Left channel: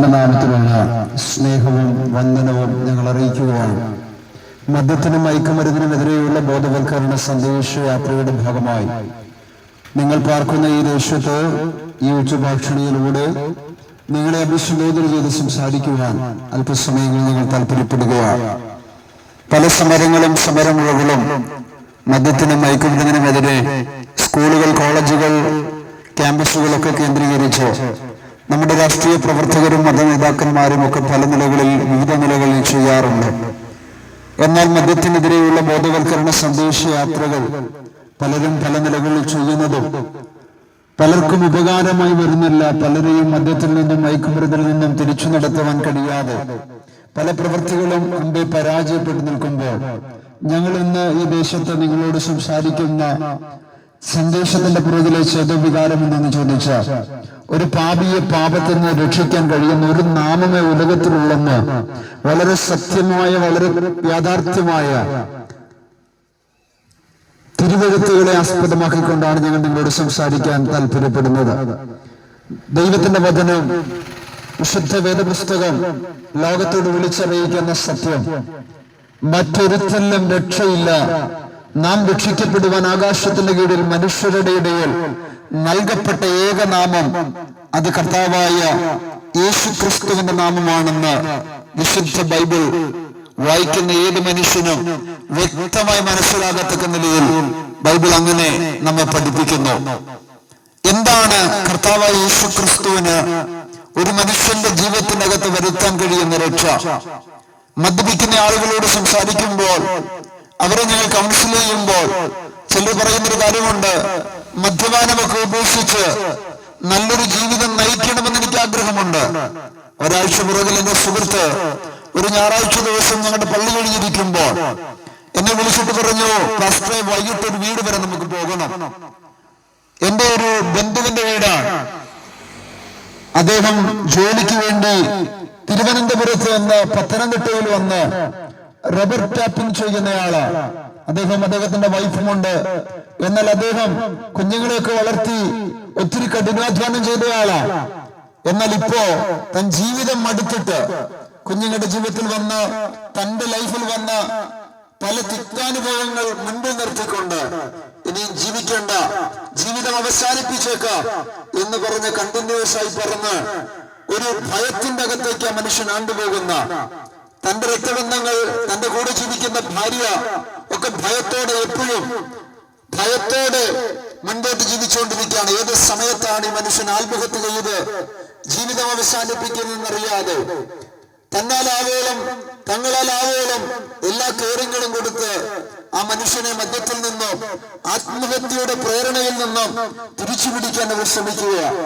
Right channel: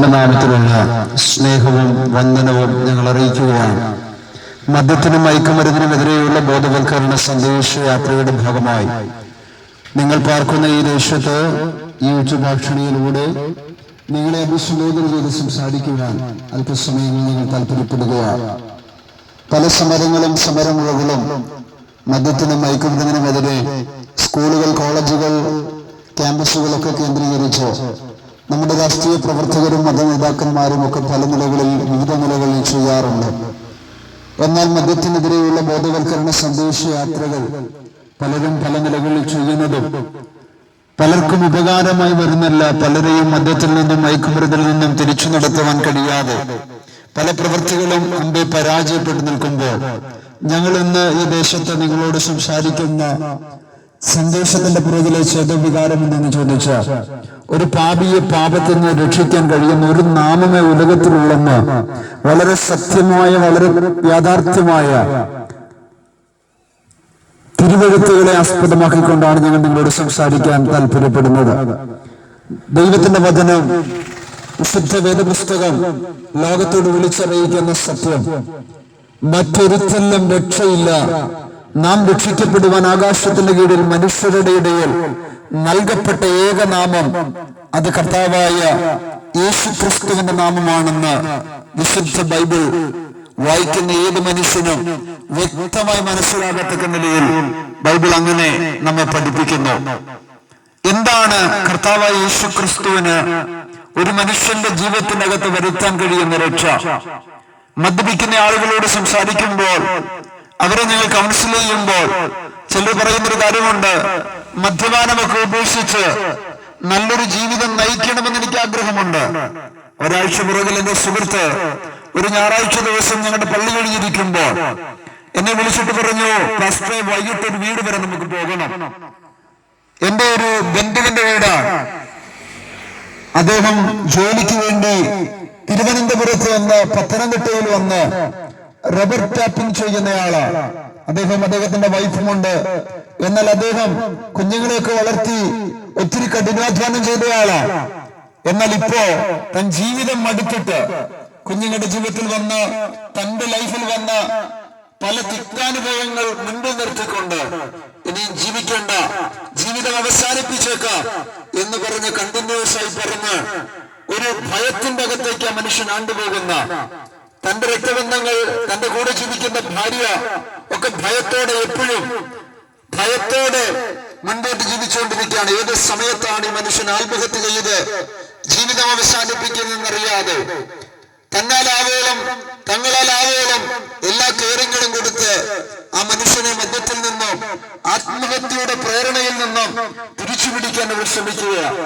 കർത്താവിന്റെ നാമത്തിലുള്ള സ്നേഹവും വന്ദനവും ഞങ്ങൾ അറിയിക്കുകയാണ്. മദ്യത്തിനും മയക്കുമരുന്നിനുമെതിരെയുള്ള ബോധവൽക്കരണ സന്ദേശയാത്രയുടെ ഭാഗമായി നിങ്ങൾ പാർക്കുന്ന ഈ ദേശത്ത് ഈ ഉച്ചഭാഷണിയിലൂടെ നിങ്ങളെ അഭിസംബോധന ചെയ്ത് സംസാരിക്കുവാൻ അല്പസമയങ്ങൾ നിങ്ങൾ താല്പര്യപ്പെടുകയാണ്. പല സമരമുറകളും മദ്യത്തിനും മയക്കുമരുന്നിനുമെതിരെ സ്കൂളുകൾ, കോളേജുകൾ, ക്യാമ്പസുകളൊക്കെ കേന്ദ്രീകരിച്ച് നമ്മുടെ രാഷ്ട്രീയ പ്രവർത്തകരും മതനേതാക്കന്മാരും ഒക്കെ പല നിലകളിൽ, വിവിധ നിലകളിൽ ചെയ്യാറുണ്ട്. എന്നാൽ മദ്യത്തിനെതിരെയുള്ള ബോധവൽക്കരണ സന്ദേശയാത്രകൾ പലരും പല നിലകളിൽ ചെയ്യുന്നതും പലർക്കും ഉപകാരമായി വരുന്നില്ല. പലരെയും മദ്യത്തിൽ നിന്നും മയക്കുമരുന്നിൽ നിന്നും തിരിച്ചു നടത്തുവാൻ കഴിയാതെ പല പ്രവൃത്തികളും മുമ്പേ പരാജയപ്പെട്ടു നിൽക്കുമ്പോൾ ഞങ്ങൾ ഇന്ന് ഈ ദേശത്ത് നിങ്ങളോട് സംസാരിക്കുന്ന സന്ദേശത്തിന്റെ പുറകിലെ ചേതോവികാരം എന്തെന്ന് ചോദിച്ചാൽ, ഒരു പാപിയെ പാപത്തിൽ നിന്ന് രക്ഷിക്കാൻ കഴിയുന്ന ഒരു നാമമേ ഉലകത്തിലുള്ളെന്ന് വളരെ സത്യമായ, വളരെ യാഥാർത്ഥ്യമായ തിരുവെഴുത്തുകളെ ആസ്പദമാക്കിക്കൊണ്ടാണ് ഞങ്ങൾ നിങ്ങളോട് സംസാരിക്കാൻ താല്പര്യപ്പെടുന്നത്. ദൈവത്തിന്റെ വചനം, വിശുദ്ധ വേദപുസ്തകം ലോകത്തോട് വിളിച്ചറിയിക്കുന്ന സത്യം, മറ്റൊരുത്തലും രക്ഷയില്ല, നാം രക്ഷിക്കപ്പെടുവാൻ ആകാശത്തിന്റെ കീഴിൽ മനുഷ്യരുടെ ഇടയിൽ നൽകപ്പെട്ട ഏകനാമം അത് കർത്താവായ യേശുക്രിസ്തുവിന്റെ നാമമാണെന്ന് വിശുദ്ധ ബൈബിൾ വായിക്കുന്ന ഏത് മനുഷ്യനും വ്യക്തമായി മനസ്സിലാകത്തക്ക നിലയിൽ ബൈബിൾ അങ്ങനെ നമ്മെ പഠിപ്പിക്കുന്നു. എന്താണ് കർത്താവായ യേശുക്രിസ്തുവിന് ഒരു മനുഷ്യന്റെ ജീവിതത്തിനകത്ത് വരുത്താൻ കഴിയുന്ന രക്ഷ? മദ്യപിക്കുന്ന ആളുകളോട് സംസാരിക്കുമ്പോൾ, അവരെ നിങ്ങൾ കൗൺസിൽ ചെയ്യുമ്പോൾ ചിലർ പറയുന്നൊരു കാര്യമുണ്ട്, മദ്യപാനമൊക്കെ ഉപേക്ഷിച്ച് നല്ലൊരു ജീവിതം നയിക്കണമെന്ന് എനിക്ക് ആഗ്രഹമുണ്ട്. ഒരാഴ്ച പുറകിൽ എന്റെ സുഹൃത്ത് ഒരു ഞായറാഴ്ച ദിവസം ഞങ്ങളുടെ പള്ളി കഴിഞ്ഞിരിക്കുമ്പോൾ എന്നെ വിളിച്ചിട്ട് പറഞ്ഞു, പാസ്റ്ററെ, വൈകിട്ട് ഒരു വീട് വരെ നമുക്ക് പോകണം. എന്റെ ഒരു ബന്ധുവിന്റെ വീടാണ്. അദ്ദേഹം ജോലിക്ക് വേണ്ടി തിരുവനന്തപുരത്ത് വന്ന് പത്തനംതിട്ടയിൽ വന്ന് റബ്ബർ ടാപ്പിംഗ് ചെയ്യുന്നയാളാണ്. അദ്ദേഹത്തിന്റെ വൈഫുമുണ്ട്. എന്നാൽ അദ്ദേഹം കുഞ്ഞുങ്ങളെയൊക്കെ വളർത്തി ഒത്തിരി കഠിനാധ്വാനം ചെയ്തയാളാണ്. എന്നാൽ ഇപ്പോ തൻ ജീവിതം മടുത്തിട്ട് കുഞ്ഞുങ്ങളുടെ ജീവിതത്തിൽ വന്ന് തന്റെ ലൈഫിൽ വന്ന പല തിക്താനുഭവങ്ങൾ മുൻപിൽ നിർത്തിക്കൊണ്ട് ഇനിയും ജീവിക്കേണ്ട, ജീവിതം അവസാനിപ്പിച്ചേക്കാം എന്ന് പറഞ്ഞ് കണ്ടിന്യൂസ് ആയി പറഞ്ഞ് ഒരു ഭയത്തിന്റെ അകത്തേക്ക് ആ മനുഷ്യൻ ആണ്ടുപോകുന്ന, തന്റെ രക്തബന്ധങ്ങൾ, തന്റെ കൂടെ ജീവിക്കുന്ന ഭാര്യ ഒക്കെ ഭയത്തോടെ, എപ്പോഴും ഭയത്തോടെ മുൻപോട്ട് ജീവിച്ചുകൊണ്ടിരിക്കുകയാണ്. ഏത് സമയത്താണ് ഈ മനുഷ്യൻ ആത്മഹത്യ ചെയ്ത് ജീവിതം അവസാനിപ്പിക്കുന്നതെന്നറിയാതെ തങ്ങളാലാവോളം എല്ലാ കെയറിങ്ങളും കൊടുത്ത് ആ മനുഷ്യനെ മദ്യത്തിൽ നിന്നും ആത്മഹത്യയുടെ പ്രേരണയിൽ നിന്നും തിരിച്ചുപിടിക്കാൻ അവർ ശ്രമിക്കുകയാണ്.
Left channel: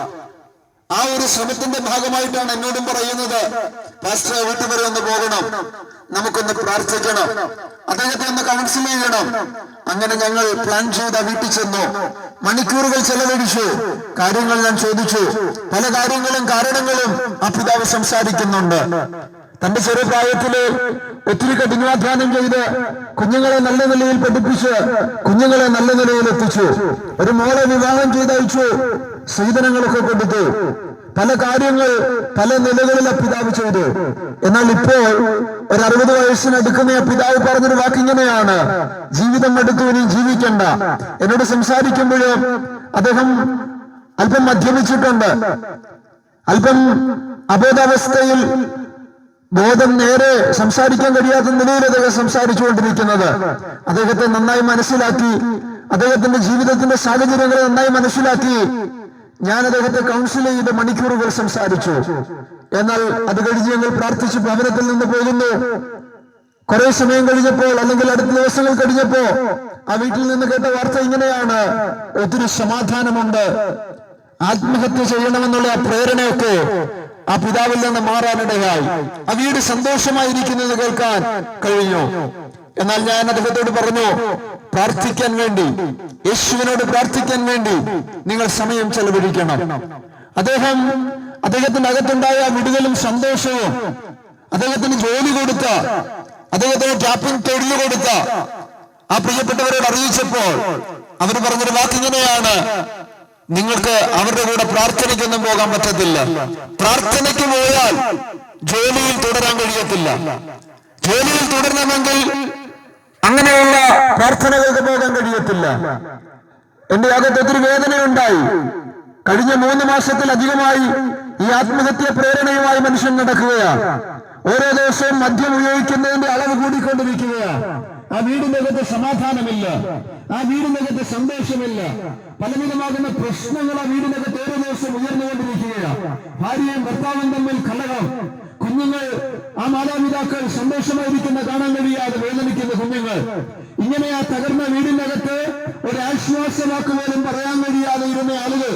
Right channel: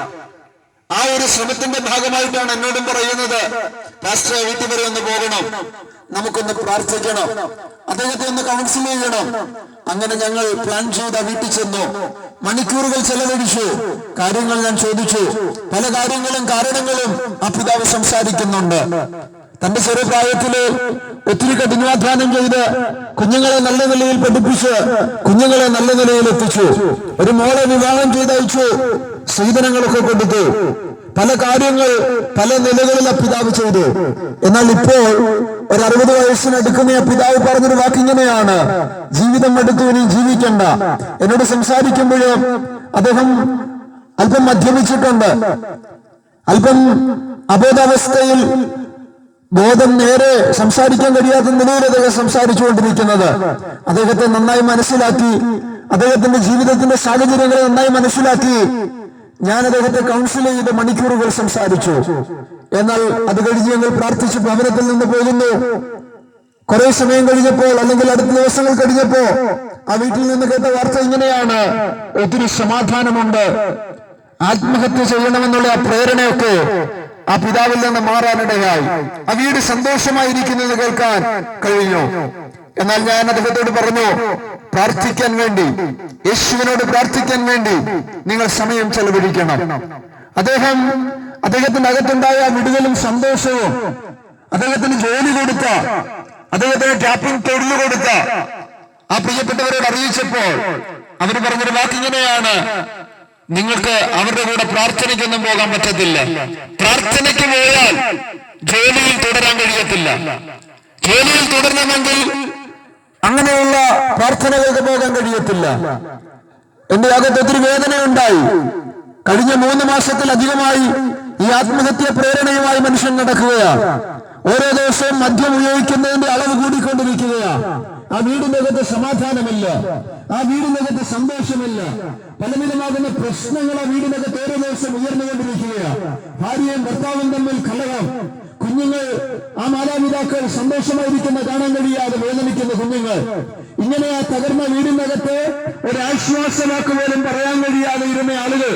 ആ ഒരു ശ്രമത്തിന്റെ ഭാഗമായിട്ടാണ് എന്നോടും പറയുന്നത്, പാസ്റ്റർ, വീട്ടിൽ വരെ ഒന്ന് പോകണം, നമുക്കൊന്ന് പ്രാർത്ഥിക്കണം, അദ്ദേഹത്തെ ഒന്ന് കൗൺസിൽ ചെയ്യണം. അങ്ങനെ ഞങ്ങൾ പ്ലാൻ ചെയ്ത വീട്ടിൽ ചെന്നു. മണിക്കൂറുകൾ ചെലവഴിച്ചു. കാര്യങ്ങൾ ഞാൻ ചോദിച്ചു. പല കാരണങ്ങളും ആ പിതാവ് സംസാരിക്കുന്നുണ്ട്. തന്റെ ചെറുപ്രായത്തില് ഒത്തിരി കഠിനാധ്വാനം ചെയ്ത് കുഞ്ഞുങ്ങളെ നല്ല നിലയിൽ പഠിപ്പിച്ച് കുഞ്ഞുങ്ങളെ നല്ല നിലയിൽ എത്തിച്ചു. ഒരു മോളെ വിവാഹം ചെയ്തയച്ചു. സ്ത്രീധനങ്ങളൊക്കെ കൊടുത്തു. പല കാര്യങ്ങൾ പല നിലകളിൽ ആ പിതാവ് ചെയ്തു. എന്നാൽ ഇപ്പോൾ ഒരു 60 വയസ്സിനടുക്കുന്ന ആ പിതാവ് പറഞ്ഞൊരു വാക്കിങ്ങനെയാണ്, ജീവിതം അടുത്തു, ഇനി ജീവിക്കണ്ട. എന്നോട് സംസാരിക്കുമ്പോഴും അദ്ദേഹം അല്പം മദ്യപിച്ചിട്ടുണ്ട്. അല്പം അബോധാവസ്ഥയിൽ, ബോധം നേരെ സംസാരിക്കാൻ കഴിയാത്ത നിലയിൽ അദ്ദേഹം സംസാരിച്ചുകൊണ്ടിരിക്കുന്നത്. അദ്ദേഹത്തെ നന്നായി മനസ്സിലാക്കി, അദ്ദേഹത്തിന്റെ ജീവിതത്തിന്റെ സാഹചര്യങ്ങളെ നന്നായി മനസ്സിലാക്കി ഞാൻ അദ്ദേഹത്തെ കൗൺസിൽ ചെയ്ത് മണിക്കൂറുകൾ സംസാരിച്ചു. എന്നാൽ അത് കഴിഞ്ഞ് ഞങ്ങൾ പ്രാർത്ഥിച്ച് ഭവനത്തിൽ നിന്ന് പോകുന്നു. കുറെ സമയം കഴിഞ്ഞപ്പോൾ, അല്ലെങ്കിൽ അടുത്ത ദിവസങ്ങൾ കഴിഞ്ഞപ്പോ ആ വീട്ടിൽ നിന്ന് കേട്ട വാർത്ത ഇങ്ങനെയാണ്, ഒത്തിരി സമാധാനമുണ്ട്, ആത്മഹത്യ ചെയ്യണമെന്നുള്ള ആ പ്രേരണയൊക്കെ ആ പിതാവിൽ നിന്ന് മാറാനിടയായി. ആ വീട് സന്തോഷമായിരിക്കുന്നത് കേൾക്കാൻ കഴിഞ്ഞു. എന്നാൽ ഞാൻ അദ്ദേഹത്തോട് പറഞ്ഞു, പ്രാർത്ഥിക്കാൻ വേണ്ടി, യേശുവിനോട് പ്രാർത്ഥിക്കാൻ വേണ്ടി നിങ്ങൾ സമയം ചെലവഴിക്കണം. അദ്ദേഹത്തിന്റെ അകത്തുണ്ടായ വിടുതലും സന്തോഷവും, അദ്ദേഹത്തിന് ജോലി കൊടുത്ത, അദ്ദേഹത്തിന് ടാപ്പിംഗ് തൊഴിൽ കൊടുത്ത ആ പ്രിയപ്പെട്ടവരോട് അറിയിച്ചപ്പോൾ അവർ പറഞ്ഞൊരു വാക്കിങ്ങനെയാണ്, നിങ്ങൾക്ക് അവരുടെ കൂടെ പ്രാർത്ഥനയ്ക്കൊന്നും പോകാൻ പറ്റത്തില്ല. പ്രാർത്ഥനയ്ക്ക് പോയാൽ ജോലിയിൽ തുടരാൻ കഴിയത്തില്ല. ജോലിയിൽ തുടരണമെങ്കിൽ അങ്ങനെയുള്ള പ്രാർത്ഥനകൾക്ക് പോകാൻ കഴിയത്തില്ല. എന്റെ അകത്ത് ഒത്തിരി വേദനയുണ്ടായി. കഴിഞ്ഞ 3 മാസത്തിലധികമായി ഈ ആത്മഹത്യ പ്രേരണയുമായി മനുഷ്യൻ നടക്കുകയാണ്. ഓരോ ദിവസവും മദ്യം ഉപയോഗിക്കുന്നതിന്റെ അളവ് കൂടിക്കൊണ്ടിരിക്കുകയാണ്. ആ വീടിനകത്ത് സമാധാനമില്ല, ആ വീടിനകത്ത് സന്തോഷമില്ല. പലവിധമാകുന്ന പ്രശ്നങ്ങൾ ആ വീടിനകത്ത് ഓരോ ദിവസം ഉയർന്നുകൊണ്ടിരിക്കുകയാണ്. ഭാര്യയും ഭർത്താവും തമ്മിൽ കലഹം, കുഞ്ഞുങ്ങൾ, ആ മാതാപിതാക്കൾ സന്തോഷമായിരിക്കുന്ന കാണാൻ കഴിയാതെ വേദനിക്കുന്ന കുഞ്ഞുങ്ങൾ. ഇങ്ങനെ ആ തകർന്ന വീടിനകത്ത് ഒരാശ്വാസവാക്ക് പോലും പറയാൻ കഴിയാതെ ഇരുന്ന ആളുകൾ,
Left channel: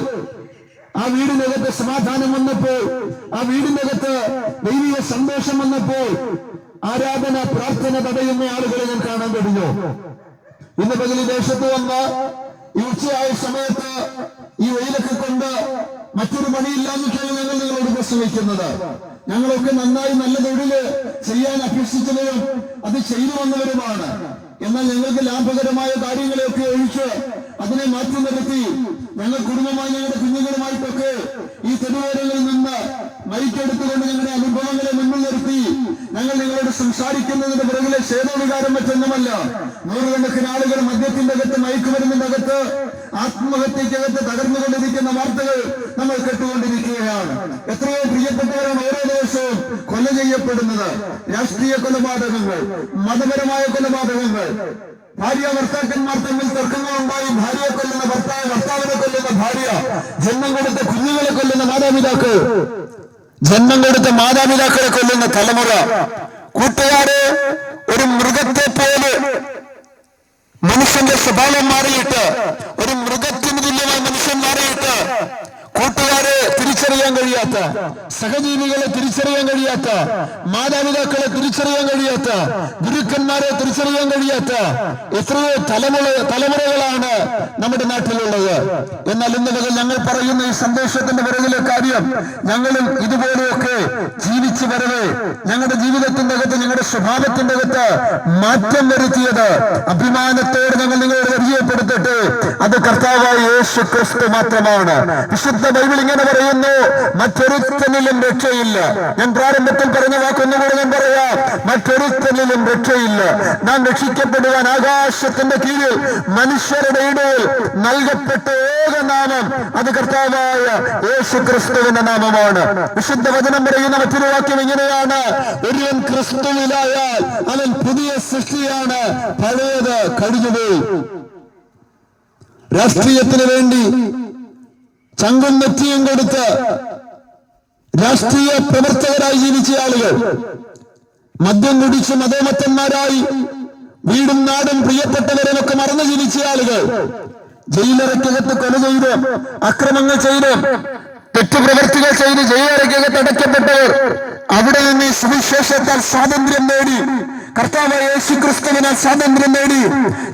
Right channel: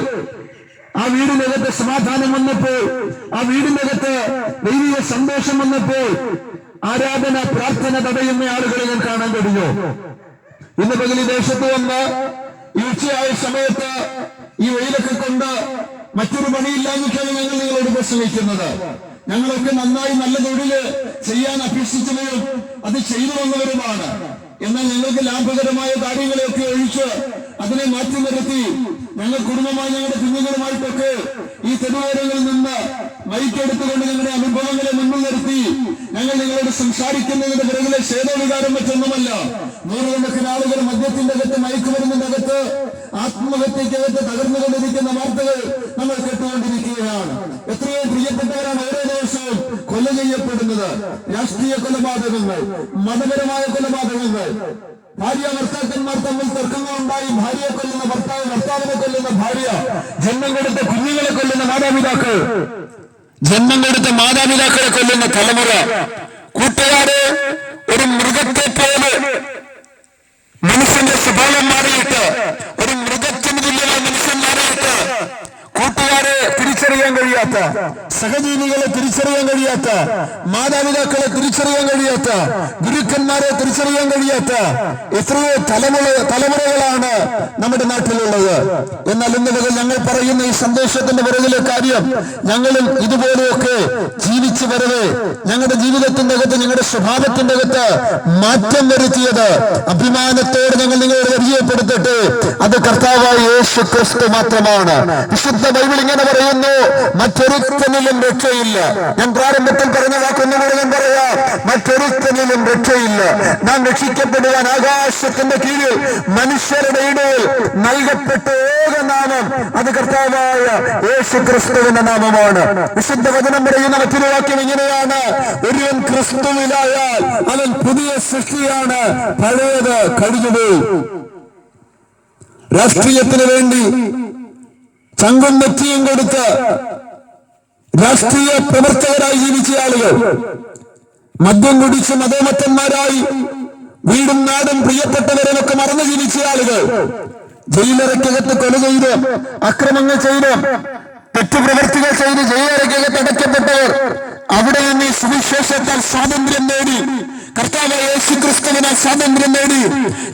ആ വീടിനകത്ത് സമാധാനം വന്നപ്പോൾ, ആ വീടിനകത്ത് ദൈവിക സന്തോഷം വന്നപ്പോൾ ആരാധന പ്രാർത്ഥന തടയുന്ന ആളുകളെ ഞാൻ കാണാൻ കഴിഞ്ഞു. ഇന്ന് പകൽ ദേശത്ത് വന്ന് ഈ ഉച്ചയായ സമയത്ത് ഈ വെയിലൊക്കെ കൊണ്ട് മറ്റൊരു പണിയില്ലാഞ്ഞിട്ടാണ് ഞങ്ങൾ നിങ്ങളോട് പ്രസംഗിക്കുന്നത്. ഞങ്ങളൊക്കെ നന്നായി നല്ല തൊഴില് ചെയ്യാൻ അഭ്യസിച്ചവരും അത് ചെയ്തു വന്നവരുമാണ്. എന്നാൽ ഞങ്ങൾക്ക് ലാഭകരമായ കാര്യങ്ങളെയൊക്കെ ഒഴിച്ച് അതിനെ മാറ്റി നിർത്തി ഞങ്ങൾ കുടുംബമായി ഞങ്ങളുടെ കുഞ്ഞുങ്ങളുമായിട്ടൊക്കെ ഈ തെരുവോരങ്ങളിൽ നിന്ന് മൈക്കെടുത്തുകൊണ്ട് ഞങ്ങളുടെ അനുഭവങ്ങളെ മുന്നിൽ നിർത്തി ഞങ്ങൾ നിങ്ങളോട് സംസാരിക്കുന്നതിന്റെ പിറകിലെ ശേതവികാരം മറ്റൊന്നുമല്ല. നൂറുകണക്കിന് ആളുകൾ മദ്യത്തിന്റെ അകത്ത്, മയക്കുമരുന്നിന്റെ അകത്ത്, ആത്മഹത്യക്കകത്ത് തകർന്നുകൊണ്ടിരിക്കുന്ന വാർത്തകൾ നമ്മൾ കേട്ടുകൊണ്ടിരിക്കുകയാണ്. എത്രയോ പ്രിയപ്പെട്ടവരാണ് ഓരോ ദിവസവും കൊല ചെയ്യപ്പെടുന്നത്. രാഷ്ട്രീയ കൊലപാതകങ്ങൾ, മതപരമായ കൊലപാതകങ്ങൾ, ഭാര്യ ഭർത്താക്കന്മാർ തമ്മിൽ തർക്കങ്ങളുണ്ടായി ഭാര്യയെ കൊല്ലുന്ന ഭർത്താവ്, ഭർത്താവിനെ കൊല്ലുന്ന ഭാര്യ, ജന്മം കൊടുത്ത കുഞ്ഞുങ്ങളെ കൊല്ലുന്ന മാതാപിതാക്കൾ, ജന്മം കൊടുത്ത മാതാപിതാക്കളെ കൊല്ലുന്ന തലമുറ. കൂട്ടുകാരെ, ഒരു മൃഗത്തെ പോലെ മനുഷ്യന്റെ സ്വഭാവം മാറിയിട്ട്, ഒരു മൃഗത്തിന് തുല്യമായ മനുഷ്യൻ മാറിയിട്ട് കൂട്ടുകാരെ തിരിച്ചറിയാൻ കഴിയാത്ത, സഹജീവികളെ തിരിച്ചറിയാൻ കഴിയാത്ത, മാതാപിതാക്കളെ തിരിച്ചറിയാൻ കഴിയാത്ത, ഗുരുക്കന്മാരെ തിരിച്ചറിയാൻ കഴിയാത്ത എത്രയോ തലമുറകളാണ് നമ്മുടെ നാട്ടിലുള്ളത്. എന്നാൽ ഇന്ന് മുതൽ ഞങ്ങൾ പറയുന്ന ഈ സന്ദേശത്തിന്റെ പിറകിലെ കാര്യം, ഞങ്ങളും ഇതുപോലെയൊക്കെ ജീവിച്ചു വരവേ ഞങ്ങളുടെ ജീവിതത്തിന്റെ അകത്ത്, ഞങ്ങളുടെ സ്വഭാവത്തിന്റെ അകത്ത് മാറ്റം വരുത്തിയത് അഭിമാനത്തോടെ ഞങ്ങൾ നിങ്ങളോട് പരിചയപ്പെടുത്തട്ടെ, അത് കർത്താവായ യേശു ക്രിസ്തു മാത്രമാണ്. വിശുദ്ധ ബൈബിൾ ഇങ്ങനെ പറയുന്നു, മറ്റൊരുത്തനിലും രക്ഷയില്ല. ഞാൻ പ്രാരംഭത്തിൽ പറഞ്ഞ വാക്കൊന്നുകൂടെ ഞാൻ പറയാം, മറ്റൊരുത്തനിലും രക്ഷയില്ല. നാം രക്ഷിക്കപ്പെടുവാൻ ആകാശത്തിന്റെ കീഴിൽ മനുഷ്യരുടെ ഇടയിൽ നൽകപ്പെട്ട ഏക നാമം അത് കർത്താവായ യേശു ക്രിസ്തുവിന്റെ നാമമാണ്. വിശുദ്ധ വചനം പറയുന്ന മറ്റൊരു വാക്യം ഇങ്ങനെയാണ്, ഒരുവൻ ക്രിസ്തുവിലായാൽ അവൻ പുതിയ സൃഷ്ടിയാണ്, പഴയത് കഴിഞ്ഞുപോയി. രാഷ്ട്രീയത്തിന് വേണ്ടി ചങ്കും നെറ്റിയും കൊടുത്ത് രാഷ്ട്രീയ പ്രവർത്തകരായി ജീവിച്ച ആളുകൾ, മദ്യം കുടിച്ച് മതോമത്തന്മാരായി വീടും നാടും പ്രിയപ്പെട്ടവരുമൊക്കെ മറന്നു ജീവിച്ച ആളുകൾ, ജയിലറയ്ക്കകത്ത് കൊല ചെയ്ത്, അക്രമങ്ങൾ ചെയ്ത്, തെറ്റുപ്രവൃത്തികൾ ചെയ്ത് ജയിലറയ്ക്കകത്ത് അടയ്ക്കപ്പെട്ടവർ, അവിടെ നിന്ന് സുവിശേഷത്താൽ സ്വാതന്ത്ര്യം നേടി, കർത്താവായ യേശു ക്രിസ്തുവിനാൽ സ്വാതന്ത്ര്യം നേടി,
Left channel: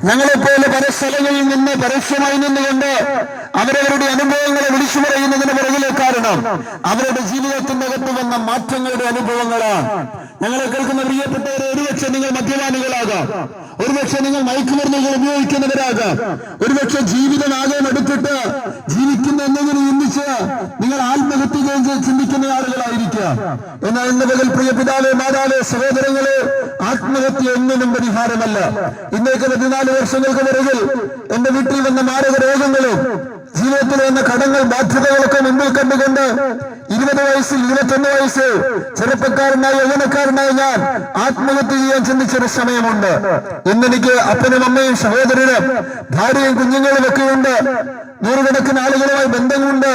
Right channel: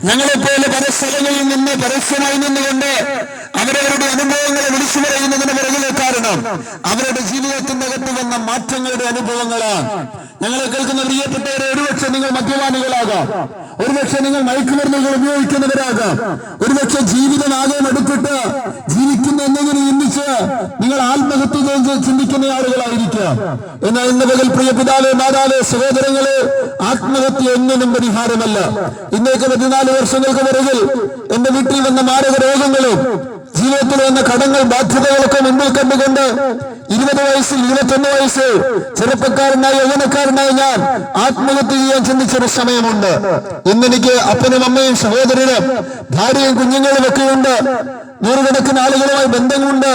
ഞങ്ങളെപ്പോലെ പല സ്ഥലങ്ങളിൽ നിന്ന് പരസ്യമായി നിന്നുകൊണ്ട് അവരവരുടെ അനുഭവങ്ങളെ വിളിച്ചു പറയുന്നതിന് പിറകിലെ കാരണം അവരുടെ ജീവിതത്തിന്റെ അകത്ത് വന്ന മാറ്റങ്ങളുടെ അനുഭവങ്ങളാണ്. ഞങ്ങളെ കേൾക്കുന്ന പ്രിയപ്പെട്ടവരെ, ഒരുപക്ഷെ നിങ്ങൾ മദ്യപാനികളാകാം, ഒരുപക്ഷെ നിങ്ങൾ മയക്കുമരുന്നുകൾ ഉപയോഗിക്കുന്നവരാകാം, ഒരുപക്ഷെ ജീവിതമാകെ എടുത്തിട്ട് ജീവിക്കുന്ന എന്തെങ്കിലും ചിന്തിച്ച് നിങ്ങൾ ആത്മഹത്യ ചിന്തിക്കുന്ന ആളുകളായിരിക്കാം. എന്നാൽ ഇന്ന് പകൽ പ്രിയ പിതാവേ, മാതാവേ, സഹോദരങ്ങളെ, ആത്മഹത്യ ഒന്നിനും പരിഹാരമല്ല. ഇന്നേക്ക് 14 വർഷങ്ങൾക്ക് പിറകിൽ എന്റെ വീട്ടിൽ വന്ന മാരക രോഗങ്ങളും ജീവിതത്തിൽ വന്ന കടങ്ങൾ, ബാധ്യതകളൊക്കെ മുമ്പിൽ കണ്ടുകൊണ്ട് 20 വയസ്സിൽ 21 വയസ്സ് ചെറുപ്പക്കാരനായി യൗവനക്കാരനായി ഞാൻ ആത്മഹത്യ ചെയ്യാൻ ചിന്തിച്ചൊരു സമയമുണ്ട്. ഇന്നെനിക്ക് അപ്പനും അമ്മയും സഹോദരനും ഭാര്യയും കുഞ്ഞുങ്ങളും ഒക്കെ ഉണ്ട്. നൂറുകണക്കിന് ആളുകളുമായി ബന്ധമുണ്ട്.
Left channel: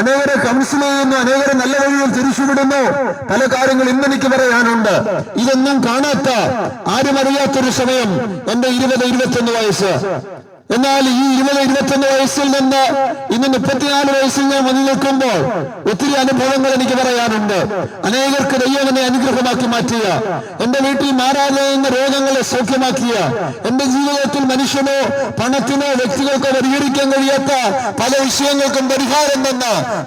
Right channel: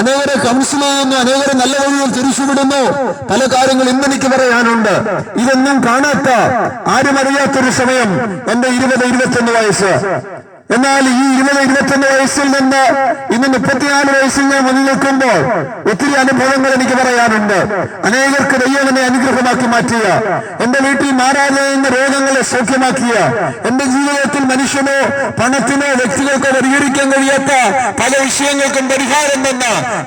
അനേകരെ കൗൺസിൽ ചെയ്യുന്നു, അനേകരെ നല്ല വഴിയിൽ തിരിച്ചുവിടുന്നു. പല കാര്യങ്ങൾ ഇന്നെനിക്ക് പറയാനുണ്ട്. ഇതൊന്നും കാണാത്ത, ആരും അറിയാത്തൊരു സമയം എന്റെ 20-21 വയസ്സ്. എന്നാൽ ഈ 20-21 വയസ്സിൽ നിന്ന് ഇന്ന് 34 വയസ്സിൽ ഞാൻ വന്നു നിൽക്കുമ്പോൾ ഒത്തിരി അനുഭവങ്ങൾ എനിക്ക് പറയാനുണ്ട്. അനേകർക്ക് ദൈവം എന്നെ അനുഗ്രഹമാക്കി മാറ്റിയ, എന്റെ വീട്ടിൽ മാറാതെ എന്ന രോഗങ്ങളെ സൗഖ്യമാക്കിയ, എന്റെ ജീവിതത്തിൽ മനുഷ്യനോ പണത്തിനോ വ്യക്തികൾക്കോ പരിഹരിക്കാൻ കഴിയാത്ത പല വിഷയങ്ങൾക്കും പരിഹാരം തന്ന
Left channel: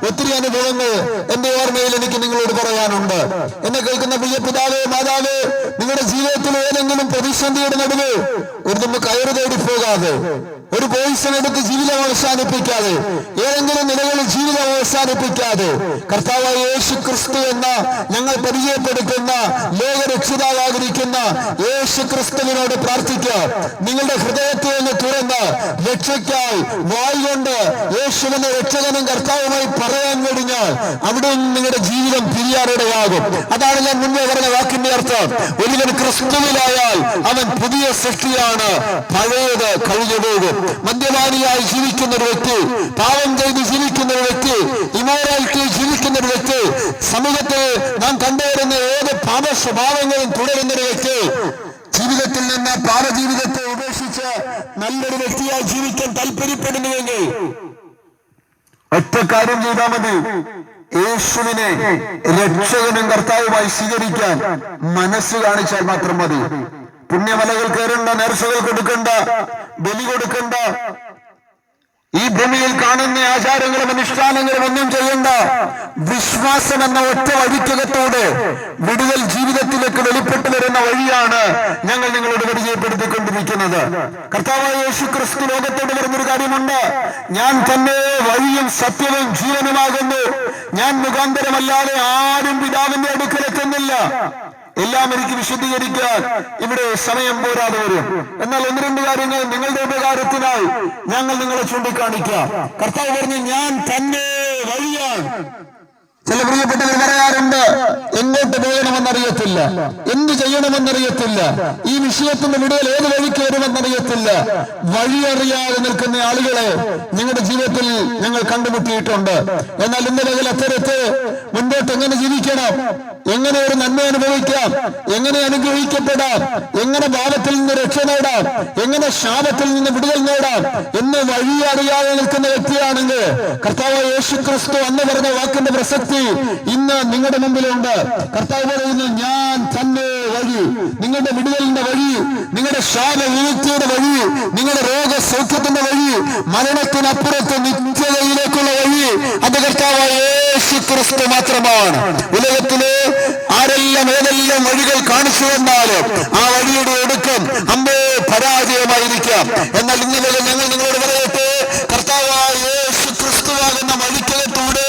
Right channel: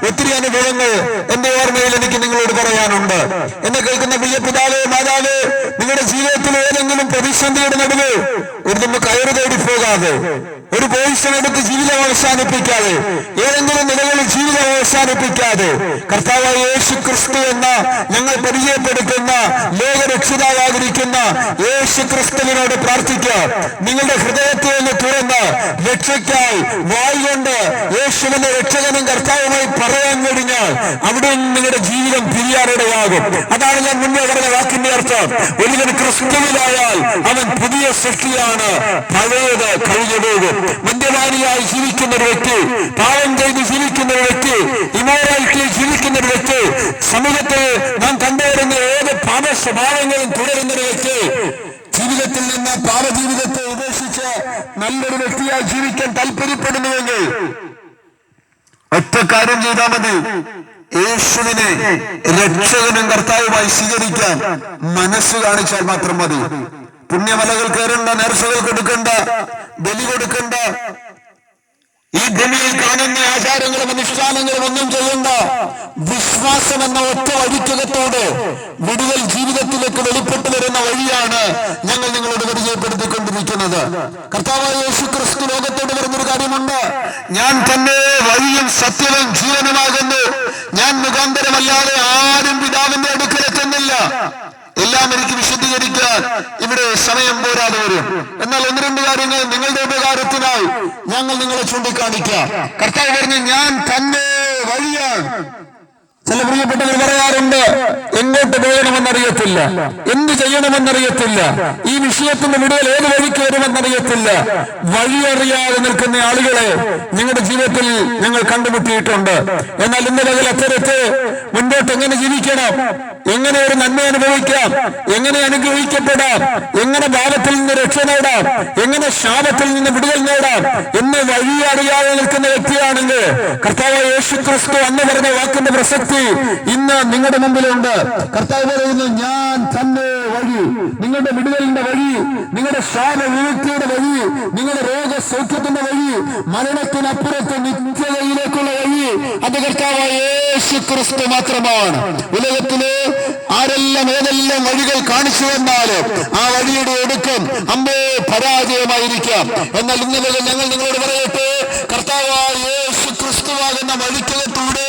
ഒത്തിരി അനുഭവങ്ങൾ എന്റെ ഓർമ്മയിൽ എനിക്ക് നിങ്ങളോട് പറയാനുണ്ട്. എന്നെ കേൾക്കുന്ന പ്രിയ പിതാവേ, മാതാവേ, നിങ്ങളുടെ ജീവിതത്തിൽ ഏതെങ്കിലും പ്രതിസന്ധിയുടെ നടുവ് ഒരു കയറ് തേടി പോകാതെ, ഒരു പോയിസൺ എടുത്ത് ജീവിതം അവസാനിപ്പിക്കാതെ, ഏതെങ്കിലും നിലകളിൽ ജീവിതം അവസാനിപ്പിക്കാതെ, കർത്താവായ യേശു ക്രിസ്തു എന്ന ഞങ്ങൾ പരിചയപ്പെടുത്തുന്ന ലോകരക്ഷിതാവായിരിക്കുന്ന യേശു ക്രിസ്തുവിനോട് പ്രാർത്ഥിക്കുക. നിങ്ങളുടെ ഹൃദയത്തെ ഒന്ന് തുറന്ന് രക്ഷയ്ക്കായി വായികൊണ്ട് യേശുവിന്റെ രക്ഷകനും കർത്താവുമായി പറയാൻ കഴിഞ്ഞാൽ അവിടെ നിങ്ങളുടെ ജീവിതം പിരിയാറിടയാകും. അതാണ് ഞാൻ മുന്നേ പറഞ്ഞ വാക്കിന്റെ അർത്ഥം. ഒരുവൻ ക്രിസ്തുവിലായാൽ അവൻ പുതിയ സൃഷ്ടിയാണ്, പഴയത് കഴിഞ്ഞു പോകും. മദ്യപാനിയായി ജീവിക്കുന്ന ഒരു വ്യക്തി, പാവം ചെയ്ത് ജീവിക്കുന്ന ഒരു വ്യക്തി, ഇമോറാലിറ്റി ജീവിക്കുന്ന ഒരു വ്യക്തി, സമൂഹത്തിൽ നാം കണ്ടുവരുന്ന ഏത് പാപ സ്വഭാവങ്ങളും തുടരുന്ന ഒരു വ്യക്തി ജീവിതത്തിൽ നിന്ന് പാപജീവിതത്തെ ഉപേക്ഷിച്ച് നല്ലൊരു വ്യക്തിയായി ജീവിക്കാൻ താല്പര്യപ്പെടുന്നുവെങ്കിൽ ഒറ്റ കാര്യം ചെയ്താൽ മതി. യേശുവിനെ രക്ഷകനും കർത്താവുമായി സ്വീകരിക്കാൻ മനസ്സ് കാണിച്ചാൽ മാത്രം മതി. പുണ്യമലകൾ കയറേണ്ട, നേർച്ചകൾ കൊടുക്കണ്ട, ബലി കൊടുക്കണ്ട, ഈ ഭൂമിയിൽ കാണുന്ന ആചാരങ്ങളും അനുഷ്ഠാനങ്ങളും ഒന്നും ചെയ്യേണ്ട. വിശ്വാസം എന്ന ഒറ്റ വഴിക്കകത്തോടെ വിടുതൽ ജീവിതത്തിലേക്ക് വെളിപ്പെട്ടു വരുന്ന വഴിയാണ് ഞങ്ങൾ നിങ്ങളോട് പരിചയപ്പെടുത്തിക്കൊണ്ടിരിക്കുന്നത്. കർത്താവായ യേശു ക്രിസ്തു ലോകത്തോട് പറഞ്ഞൊരു കാര്യമുണ്ട്: ഞാൻ തന്നെ വഴിയും സത്യവും ജീവനുമാകുന്നു, ഞാൻ മുഖാന്തരമല്ലാതെ ആരും പിതാവിന്റെ അടുക്കലെത്തുന്നില്ല. എല്ലാം എനിക്ക് വിശദീകരിക്കാൻ ഇവിടെ സമയം പോരാതെ വരും. എന്നാൽ ഒന്ന് രണ്ട് കാര്യങ്ങൾ നിങ്ങളുടെ ഉപകാരത്തിനായി ഞങ്ങൾ നിങ്ങളെ ചൂണ്ടിക്കാണിക്കാം. കർത്താവ് പറഞ്ഞു, ഞാൻ തന്നെ വഴിയാണ്. ചില പ്രിയപ്പെട്ടവർ പറയാറുണ്ട്, എങ്ങോട്ട് പോകണമെന്നറിയത്തില്ല, എന്ത് ചെയ്യണമെന്നറിയത്തില്ല, ഈ വിഷയത്തിന്റെ വിടുതൽ ഏത് വഴിക്ക് വരുമെന്നറിയത്തില്ല. വഴിയറിയാതെ നിൽക്കുന്ന ആളുകളെ ഞങ്ങളുടെ ജീവിതത്തിൽ ഞങ്ങൾ കണ്ടുമുട്ടിയിട്ടുണ്ട്. എന്നാൽ ഇന്ന് പകൽ അത്തരത്തെ മുൻപോട്ട് എങ്ങനെ ജീവിക്കണം, എങ്ങനെ ഒരു നന്മ അനുഭവിക്കാം, എങ്ങനെ അനുഗ്രഹിക്കപ്പെടാം, എങ്ങനെ പാപത്തിൽ നിന്ന് രക്ഷ നേടാം, എങ്ങനെ ശാപത്തിൽ നിന്ന് വിടുതൽ നേടാം എന്ന് വഴി അറിയാതെ നിൽക്കുന്ന വ്യക്തിയാണെങ്കിൽ കർത്താവ് യേശു ക്രിസ്തു അന്ന് പറഞ്ഞ വാക്കിന്റെ പ്രസക്തി ഇന്ന് നിങ്ങളുടെ മുമ്പിലുണ്ട്. കർത്താവ് പറയുന്നു, ഞാൻ തന്നെ വഴി, നിങ്ങളുടെ വിടുതലിന്റെ വഴി, നിങ്ങളുടെ ശാപ വിമുക്തിയുടെ വഴി, നിങ്ങളുടെ രോഗസൗഖ്യത്തിന്റെ വഴി, മരണത്തിനപ്പുറത്ത് നിത്യതയിലേക്കുള്ള വഴി അത് കർത്താവായ യേശു ക്രിസ്തു മാത്രമാണ്. ഉലകത്തിലെ ആരെല്ലാം ഏതെല്ലാം വഴികൾ കാണിച്ചു തന്നാല് ആ വഴിയുടെ ഒടുക്കം അമ്പേ പരാജയമായിരിക്കാം. എന്നാൽ ഇന്നലെ ഞങ്ങൾ നിങ്ങളോട് പറയട്ടെ, കർത്താവായ യേശു ക്രിസ്തുവാകുന്ന വഴിക്കകത്തൂടെ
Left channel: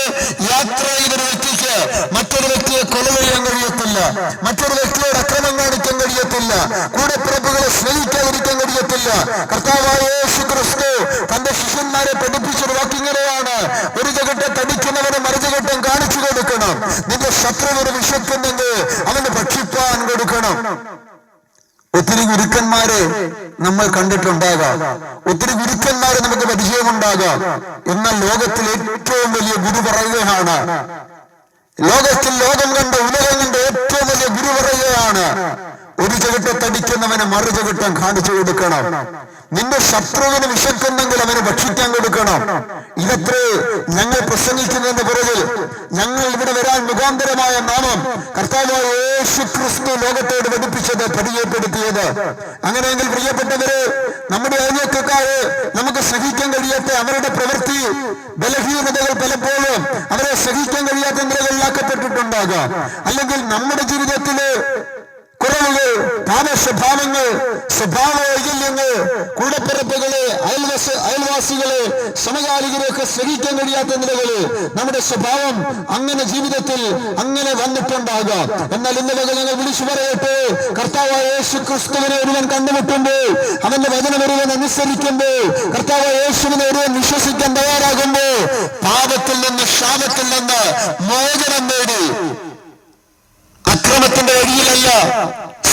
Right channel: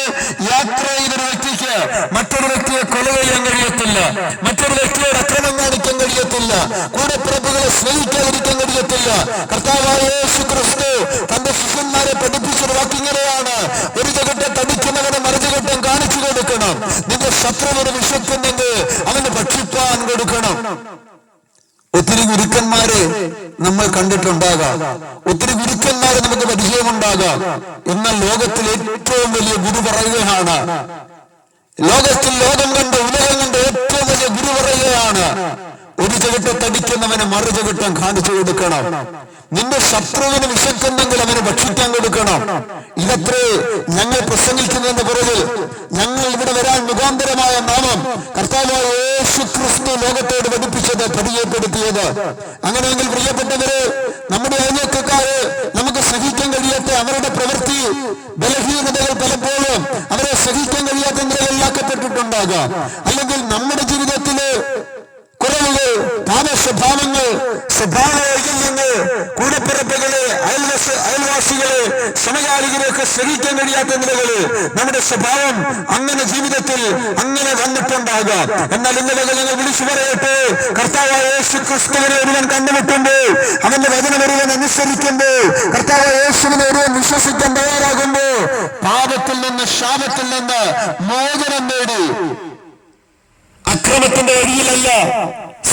യാത്ര ചെയ്തൊരു വ്യക്തിക്ക് മറ്റൊരു വ്യക്തിയെ കൊല ചെയ്യാൻ കഴിയത്തില്ല, മറ്റൊരു വ്യക്തിയോട് അക്രമം കാണിക്കാൻ കഴിയത്തില്ല, കൂടെപ്പിറപ്പുകളെ സ്നേഹിക്കാതിരിക്കാൻ കഴിയത്തില്ല. കർത്താവായ യേശു ക്രിസ്തു തന്റെ ശിഷ്യന്മാരെ പഠിപ്പിച്ചൊരു വാക്കിങ്ങനെയാണ്: ഒരു ചകട്ടം തടിക്കുന്നവന് മറുചകട്ടം കാണിച്ചു കൊടുക്കണം, നിന്റെ ശത്രുവിന് വിശക്കുന്നെങ്കിൽ അവന് ഭക്ഷിപ്പാൻ കൊടുക്കണം. ഒത്തിരി ഗുരുക്കന്മാരെ നമ്മൾ കണ്ടിട്ടുണ്ടാകാം, ഒത്തിരി ഗുരുക്കന്മാരെ നമുക്ക് പരിചയമുണ്ടാകാം. എന്നാൽ ലോകത്തിൽ ഏറ്റവും വലിയ ഗുരു പറയുകയാണ്, ലോകത്തിൽ ലോകം കണ്ട ഉലകം കണ്ട ഏറ്റവും വലിയ ഗുരു പറയുകയാണ്: ഒരു ചവിട്ടത്തടിക്കുന്നവന് മറു ചവിട്ടം കാണിച്ചു കൊടുക്കണം, നിന്റെ ശത്രുവിന് വിശക്കുന്നെങ്കിൽ അവന് ഭക്ഷിക്കാൻ കൊടുക്കണം. ഇതത്രേ ഞങ്ങൾ പ്രസംഗിക്കുന്നതിന്റെ പുറകിൽ ഞങ്ങൾ ഇവിടെ വരാൻ മുഖാന്തരമായ നാമം കർത്താവായ യേശു ക്രിസ്തു ലോകത്തോട് പഠിപ്പിച്ചത്, പരിചയപ്പെടുത്തിയത്. അങ്ങനെയെങ്കിൽ പ്രിയപ്പെട്ടവര്, നമ്മുടെ അയൽവക്കക്കാരെ നമുക്ക് സഹിക്കാൻ കഴിയാത്ത അവരുടെ പ്രവൃത്തി ബലഹീനതകൾ പലപ്പോഴും അവരെ സഹിക്കാൻ കഴിയാത്ത നിലകളിലാക്കപ്പെട്ടിട്ടുണ്ടാകാം. അല്ലെങ്കിൽ നമ്മുടെ ജീവിതത്തില് കുറവുകൾ, പാപസ്വഭാവങ്ങൾ, സ്വഭാവ വൈകല്യങ്ങൾ, കൂടപ്പിറപ്പുകളെ, അയൽവാസികളെ, സമകാലികരെയൊക്കെ സഹിക്കാൻ കഴിയാത്ത നിലകളിൽ നമ്മുടെ സ്വഭാവം അങ്ങനെ ജീവിതത്തിൽ അങ്ങനെ വന്നിട്ടുണ്ടാകാം. എന്നാൽ ഇന്നലെ ഞങ്ങൾ വിളിച്ചു പറയട്ടെ, കർത്താവായ യേശു ക്രിസ്തുവിനെ ഒരുവൻ കണ്ടുമുട്ടുമ്പോൾ, അവന്റെ വചനം ഒരുവൻ അനുസരിക്കുമ്പോൾ, കർത്താവായ യേശുവിനെ ഒരുവൻ വിശ്വസിക്കാൻ തയ്യാറാകുമ്പോൾ പാപത്തിൽ നിന്ന്, ശാപത്തിൽ നിന്ന് മോചനം നേടി അക്രമത്തിന്റെ വഴിയിലല്ല,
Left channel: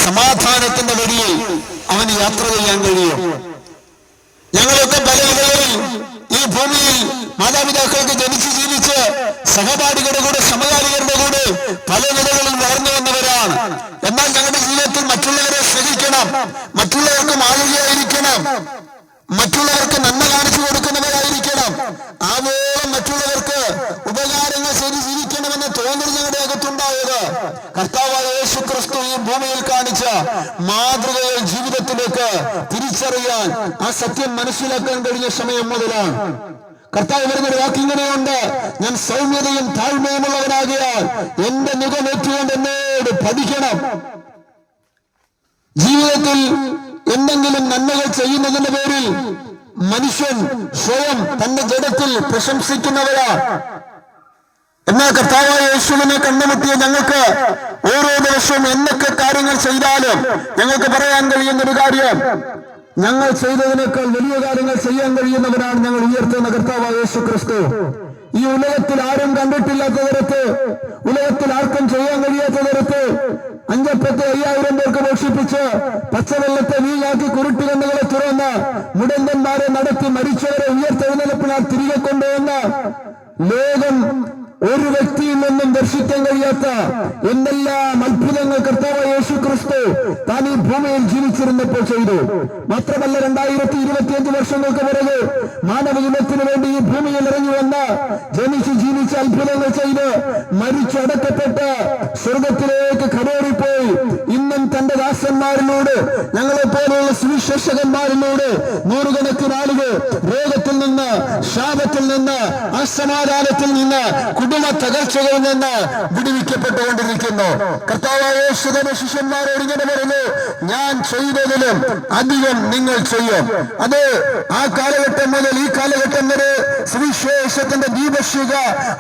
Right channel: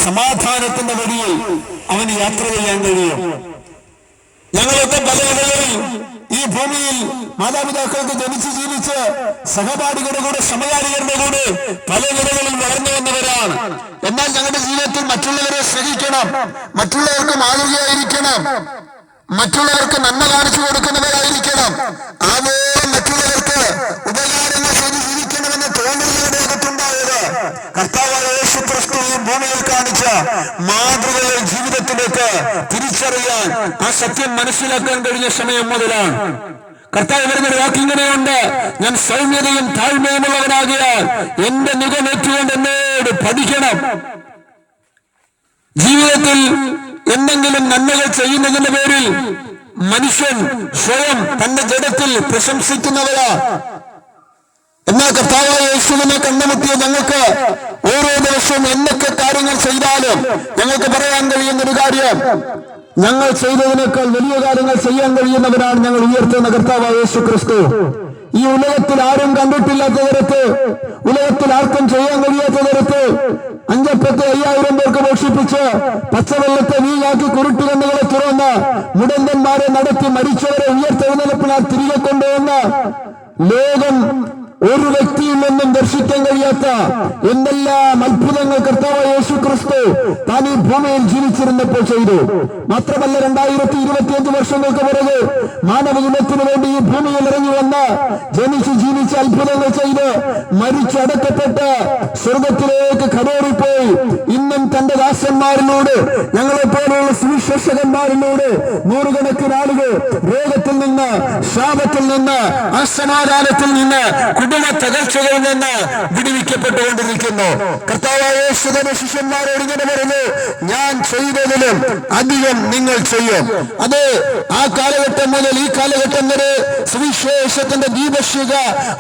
സമാധാനത്തിന്റെ വഴിയിൽ അവന് യാത്ര ചെയ്യാൻ കഴിയും. ഞങ്ങളൊക്കെ പല നിലകളിൽ ഈ ഭൂമിയിൽ മാതാപിതാക്കൾക്ക് ജനിച്ച് ജീവിച്ച് സഹപാഠികളുടെ കൂടെ, സമകാലികരുടെ കൂടെ പല നിലകളിൽ വളർന്നു വന്നവരാണ്. എന്നാൽ ഞങ്ങളുടെ ജീവിതത്തിൽ മറ്റുള്ളവരെ സ്നേഹിക്കണം, മറ്റുള്ളവർക്ക് മാതൃകയായിരിക്കണം, മറ്റുള്ളവർക്ക് നന്മ കാണിച്ചു കൊടുക്കുന്നവരായിരിക്കണം, ആവോളം മറ്റുള്ളവർക്ക് ഉപകാരങ്ങൾ ചെയ്ത് ജീവിക്കണമെന്ന് തോന്നുന്നവരുടെ അകത്തുണ്ടായത് കർത്താവായ യേശു ക്രിസ്തു ഈ ഭൂമിയിൽ കാണിച്ച മാതൃകകൾ ജീവിതത്തിലേക്ക് തിരിച്ചറിയാൻ, ആ സത്യം മനസ്സിലാക്കാൻ കഴിഞ്ഞ സമയം മുതലാണ്. കർത്താവ് വരുന്നൊരു വാക്കിങ്ങനെയുണ്ട്: ഞാൻ സൗമ്യതയും താഴ്മയുമുള്ളവനാകിയാൽ എന്റെ മുഖമേറ്റുകൊണ്ട് എന്നോട് പഠിക്കണം. ജീവിതത്തിൽ എന്തെങ്കിലും നന്മകൾ ചെയ്യുന്നതിന്റെ പേരിൽ മനുഷ്യൻ സ്വയം തന്റെ ജഡത്തിൽ പ്രശംസിക്കുന്നവരാ. എന്നാൽ കർത്താവായ യേശുവിനെ കണ്ടുമുട്ടിയ ഞങ്ങൾക്ക് ഓരോ ദിവസവും എന്തൊക്കെ കാര്യങ്ങൾ ചെയ്താലും ഞങ്ങൾക്ക് പറയാൻ കഴിയുന്ന ഒരു കാര്യം, ഞങ്ങൾ ചെയ്തതിനേക്കാൾ വലിയ കാര്യങ്ങൾ ചെയ്യാൻ കഴിയുന്നവരാണ് ഞങ്ങൾ ഉയർത്തുന്ന കർത്താവായ യേശു ക്രിസ്തു. ഈ ഉലകത്തിൽ ആരും കണ്ടിട്ടില്ലാത്ത തരത്ത്, ഉലകത്തിൽ ആർക്കും ചെയ്യാൻ കഴിയാത്ത തരത്ത് 5,5000 പേർക്ക് മോഷിപ്പിച്ച് പച്ചവെള്ളത്തെ വീഞ്ഞാക്കി കുരുട്ടുകണ്ണുകളെ തുറന്ന് മുടന്തന്മാരെ നടത്തി മരിച്ചവരെ ഉയർത്തെഴുന്നേൽപ്പിനാൽ തിരികെ കൊണ്ടുവന്ന് ലോകം ഒരു വ്യക്തിയിൽ നിന്നും ദർശിക്കാൻ കഴിയാത്ത എന്തെല്ലാം അത്ഭുതങ്ങൾ കർത്താവായ യേശു ക്രിസ്തു താൻ ഈ ഭൂമിയിൽ ജീവിച്ചിരുന്നപ്പോൾ ചെയ്തു. മാത്രമല്ല 2025 വർഷങ്ങൾക്ക് പുറകെ മാനവജനത്തിനു വേണ്ടി ഈ ഭൂമിയിൽ ഇറങ്ങി വന്ന് ജനിച്ച് ജീവിച്ച് അത്ഭുതങ്ങൾ ചെയ്ത് മരിച്ചടക്കപ്പെട്ട് സ്വർഗത്തിലേക്ക് കടേറിപ്പോയി ഇന്നും തന്റെ ദാസന്മാരിലൂടെ ഞങ്ങളെപ്പോലുള്ള സുവിശേഷകന്മാരിലൂടെ നൂറുകണക്കിന് ആളുകൾ രോഗത്തിൽ നിന്ന്, ശാപത്തിൽ നിന്ന്, അസമാധാനത്തിൽ നിന്ന്, കുടുംബ തകർച്ചകളിൽ നിന്ന് വിടുവിക്കപ്പെട്ടുകൊണ്ടിരിക്കുന്നു. കർത്താവായ യേശു തന്റെ ശിഷ്യന്മാരോട് ഇങ്ങനെ പറഞ്ഞു, ഞാൻ ചെയ്തതിലും അധികം നിങ്ങൾ ചെയ്യും. അത് ആ കാലഘട്ടം മുതൽ ഈ കാലഘട്ടം വരെ സുവിശേഷത്തിന്റെ ദീപശിഖ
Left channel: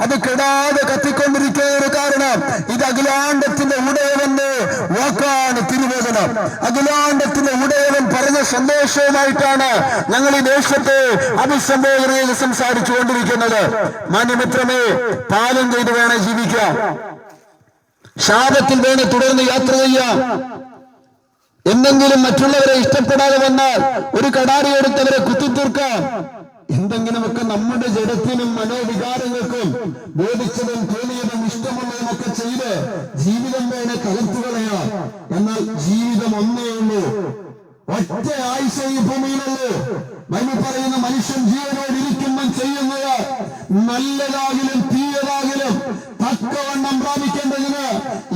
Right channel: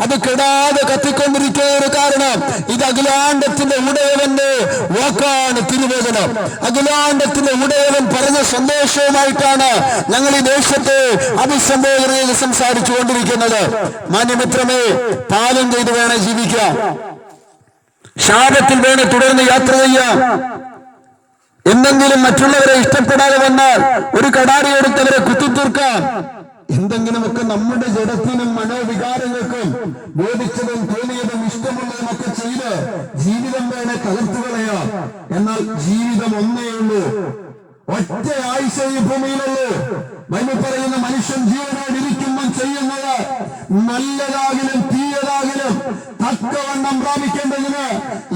അത് കെടാതെ കത്തിക്കൊണ്ടിരിക്കുന്ന കാരണം ഇത് അഖിലാണ്ടത്തിന്റെ ഉടയവന്റെ വാക്കാണ് തിരുവചനം. അഖിലാണ്ടത്തിന്റെ ഉടയവൻ പറഞ്ഞ സന്ദേശവുമായിട്ടാണ് ഞങ്ങൾ ഈ ദേശത്തെ അഭിസംബോധന ചെയ്ത് സംസാരിച്ചു കൊണ്ടിരിക്കുന്നത്. മാന്യമിത്രമേ, പാലം ചെയ്ത് വേണം ജീവിക്കാം, ശാപത്തിൽ വേണം തുടർന്ന് യാത്ര ചെയ്യാം. എന്തെങ്കിലും മറ്റുള്ളവരെ ഇഷ്ടപ്പെടാതെ വന്നാൽ ഒരു കടാരി എടുത്തവരെ കുത്തിത്തീർക്കാം. എന്തെങ്കിലുമൊക്കെ നമ്മുടെ ജഡത്തിനും മനോവികാരങ്ങൾക്കും ബോധിച്ചതും തോന്നിയതും ഇഷ്ടമുള്ളതും ഒക്കെ ചെയ്ത് ജീവിതം വേണേ തകർത്തു കളയാം. എന്നാൽ ജീവിതം ഒന്നേ ഉള്ളൂ, ഒറ്റ ആയുസ്സേ ഈ ഭൂമിയിലുള്ളൂ. ബൈബിൾ പറയുന്ന മനുഷ്യൻ ജീവനോടിരിക്കുമ്പോൾ ചെയ്യുന്നത് നല്ലതാകിലും തീയതാകിലും തക്കവണ്ണം പ്രാപിക്കേണ്ടതിന്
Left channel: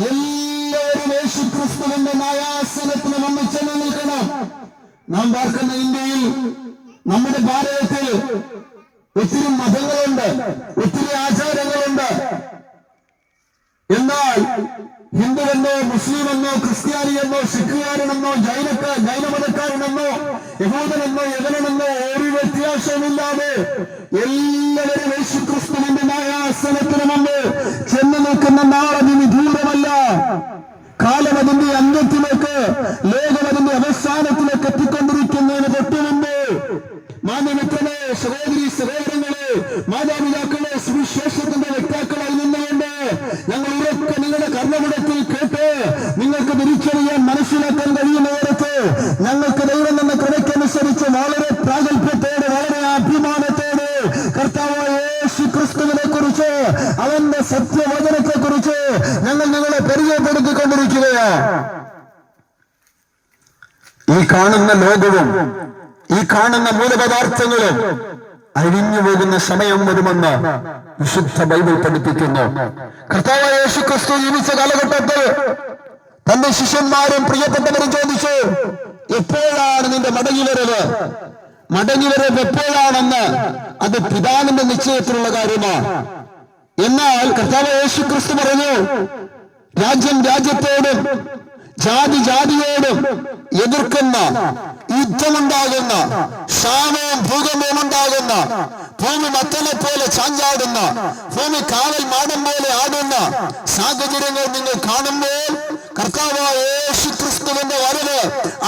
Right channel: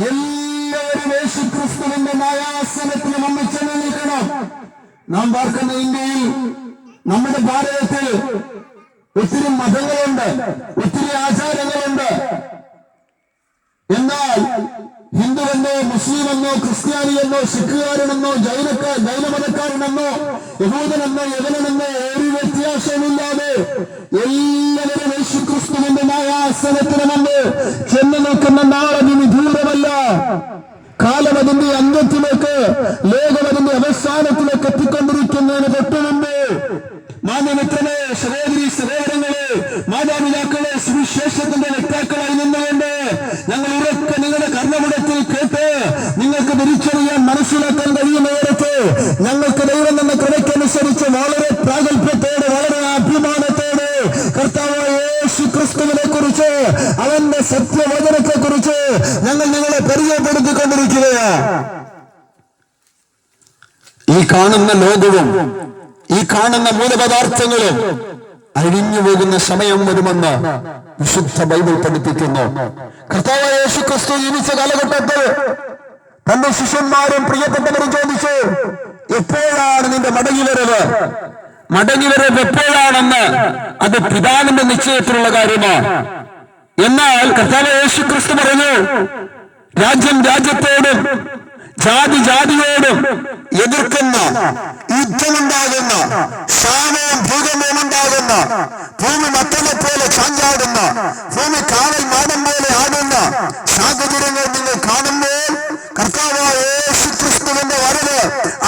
എല്ലാവരും യേശു ക്രിസ്തുവിന്റെ ന്യായാസനത്തിന് നമ്മൾ ചെന്ന് നിൽക്കണം. നാം പാർക്കുന്ന ഇന്ത്യയിൽ, നമ്മുടെ ഭാരതത്തിൽ ഒത്തിരി മതങ്ങളുണ്ട്, ഒത്തിരി ആചാരങ്ങളുണ്ട്. എന്നാൽ ഹിന്ദുവെന്നോ മുസ്ലിമെന്നോ ക്രിസ്ത്യാനിയെന്നോ സിഖുകാരനെന്നോ ജൈനമതക്കാരനെന്നോ യഹൂദനെന്നോ യവനെന്നോ ഒരു വ്യത്യാസവുമില്ലാതെ എല്ലാവരും യേശുക്രിസ്തുവിന്റെ ന്യായാസനത്തിന് മുമ്പ് ചെന്ന് നിൽക്കുന്ന നാളതിന് ദൂരമല്ല. കാലം അതിന്റെ അന്ത്യത്തിലേക്ക്, ലോകം അതിന്റെ അവസാനത്തിലേക്ക് എത്തിക്കൊണ്ടിരിക്കുന്നതിന് തൊട്ടു മുമ്പ് മാന്യമിത്രനെ, സഹോദരി സഹോദരങ്ങളെ, മാതാപിതാക്കളെ, സുവിശേഷത്തിന്റെ വ്യക്താക്കളായി നിന്നുകൊണ്ട് ഞങ്ങൾ ഉറക്കെ നിങ്ങളുടെ കർമ്മപടത്തിൽ കേട്ട് നിങ്ങൾക്ക് തിരിച്ചറിയാൻ മനസ്സിലാക്കാൻ കഴിയുന്ന നേരത്ത് ഞങ്ങൾക്ക് ദൈവം എന്ന കൃപയ്ക്കനുസരിച്ച് വളരെ പ്രാഗൽഭ്യത്തോടെ, വളരെ അഭിമാനത്തോടെ കർത്താവായ യേശു ക്രിസ്തുവിനെ കുറിച്ച്, അവന്റെ സത്യവചനത്തെ കുറിച്ച് ഞങ്ങൾ നിങ്ങളെ പരിചയപ്പെടുത്തിക്കൊണ്ടിരിക്കുകയാണ്. ഈ കാണുന്ന ലോകവും ഈ കാണുന്ന മൂലപദാർത്ഥങ്ങളും അഴിഞ്ഞു പോകുന്ന സമയം വരുമെന്ന് വിശുദ്ധ ബൈബിൾ പഠിപ്പിക്കുന്നു. കർത്താവായ യേശു ക്രിസ്തു ജീവിച്ച കാലഘട്ടത്തിൽ തന്റെ ശിഷ്യന്മാരും പ്രിയപ്പെട്ടവരും ചോദിച്ചു, എപ്പോഴാണ് നിന്റെ മടങ്ങിവരവ്? മടങ്ങിവരവ് എപ്പോഴാണെന്ന് അത് പിതാവിന്റെ നിശ്ചയത്തിലുള്ള കാര്യമാണ്. എന്നാൽ കർത്താവായ യേശു ക്രിസ്തു പറഞ്ഞു, രാജ്യം രാജ്യത്തോടും ജാതി ജാതിയോടും എതിർക്കുന്ന, യുദ്ധമുണ്ടാകുന്ന, ക്ഷാമവും ഭൂകമ്പവും ഉണ്ടാകുന്ന, ഭൂമി മത്തനെ പോലെ ചാഞ്ചാടുന്ന, ഭൂമി കാവൽ മാടം പോലെ ആടുന്ന സാഹചര്യങ്ങൾ നിങ്ങൾ കാണുമ്പോൾ കർത്താവായ യേശു ക്രിസ്തുവിന്റെ വരവ്